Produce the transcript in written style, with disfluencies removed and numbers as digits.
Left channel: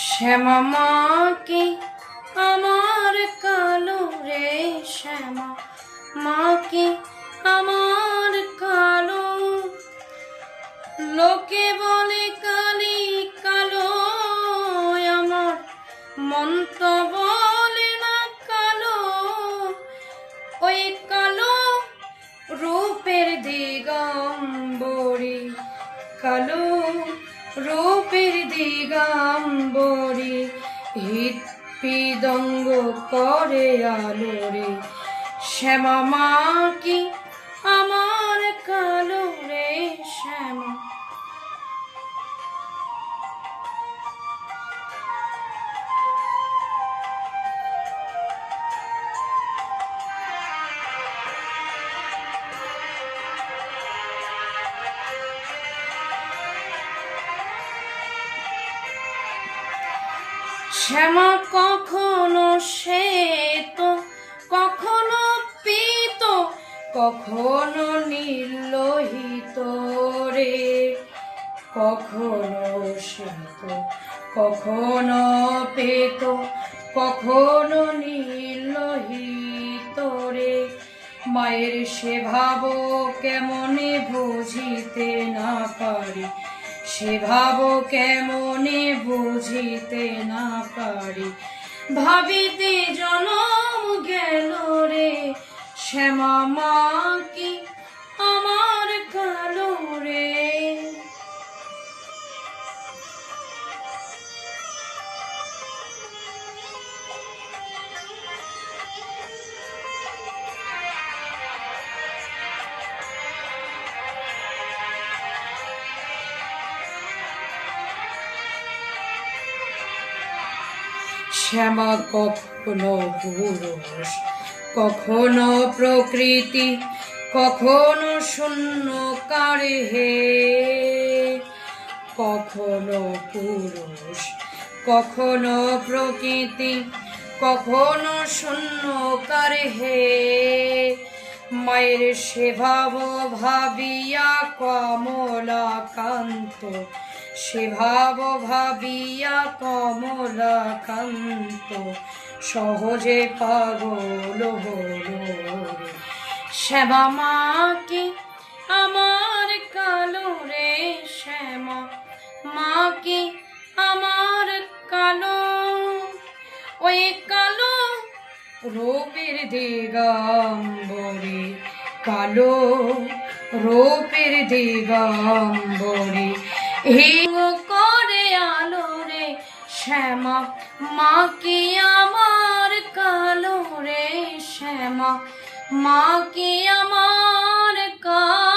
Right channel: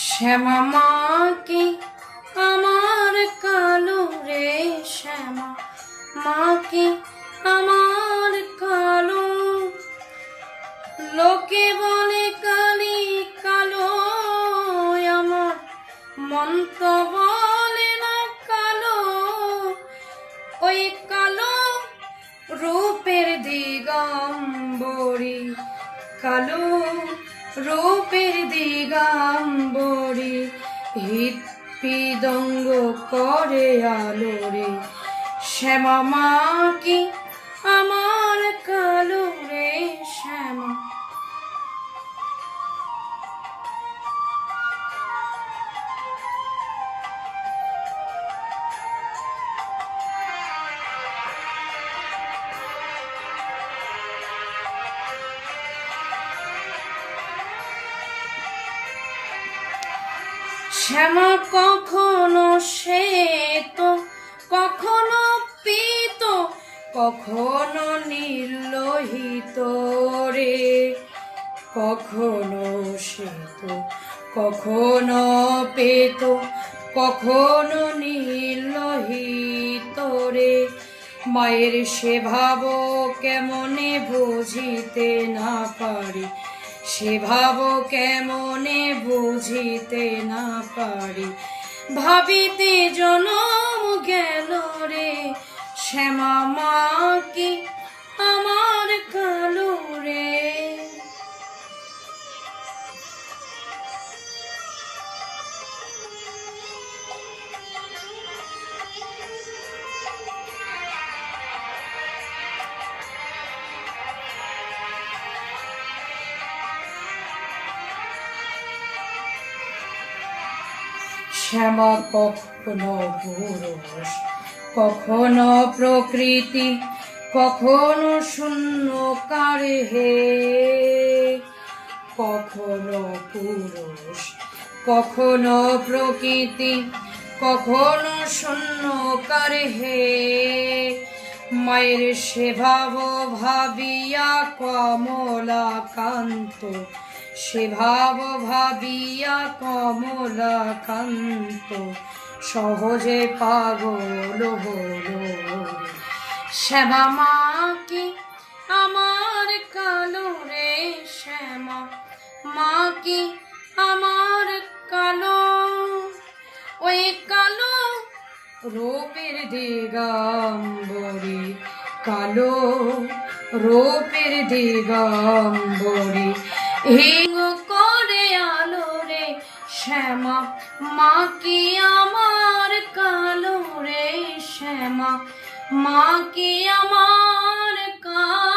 শ্যামা মা কি আমার কালো রে, শ্যামা মা কি আমার কালো। লোকে বলে কালি কালো, আমার মন তো বলে না কালো। ওই কালো রূপের দিগম্বরী, কালো রূপের দিগম্বরী, হৃৎপিদঙ্গ করে আলো রে। শ্যামা মা কি আমার কালো রে, শ্যামা। শ্যামা কখনো শ্বেত, কখনো পীত, কখনো নীললোহিত রে। কখনো শ্বেত, কখনো পীত, কখনো নীললোহিত রে। মায়ের সে ভাব কেমনে বুঝিতে না পারি, সে ভাব কেমনে বুঝিতে না পারি। ভাবিতে জনম গেল রে, শ্যামা মা কি আমার কালো রে। শ্যামা কখনো পুরুষ, কখনো প্রকৃতি, কখনো শূন্যকার হে। কখনো পুরুষ, কখনো প্রকৃতি, কখনো শূন্যকার হে। মায়ের সে ভাব ভাবিয়া কমলাকান্ত, সে ভাব ভাবিয়া কমলাকান্ত সহজে পাগল হলো। শ্যামা মা কি আমার কালো রে, শ্যামা মা কি আমার কালো। ওই কালো রূপের দিগম্বরী, কালো রূপের দিগম্বরী, হিঙ্গ করে আলো রে। শ্যামা মা কি আমার কালো রে, শ্যামা মা কি আমার কালো।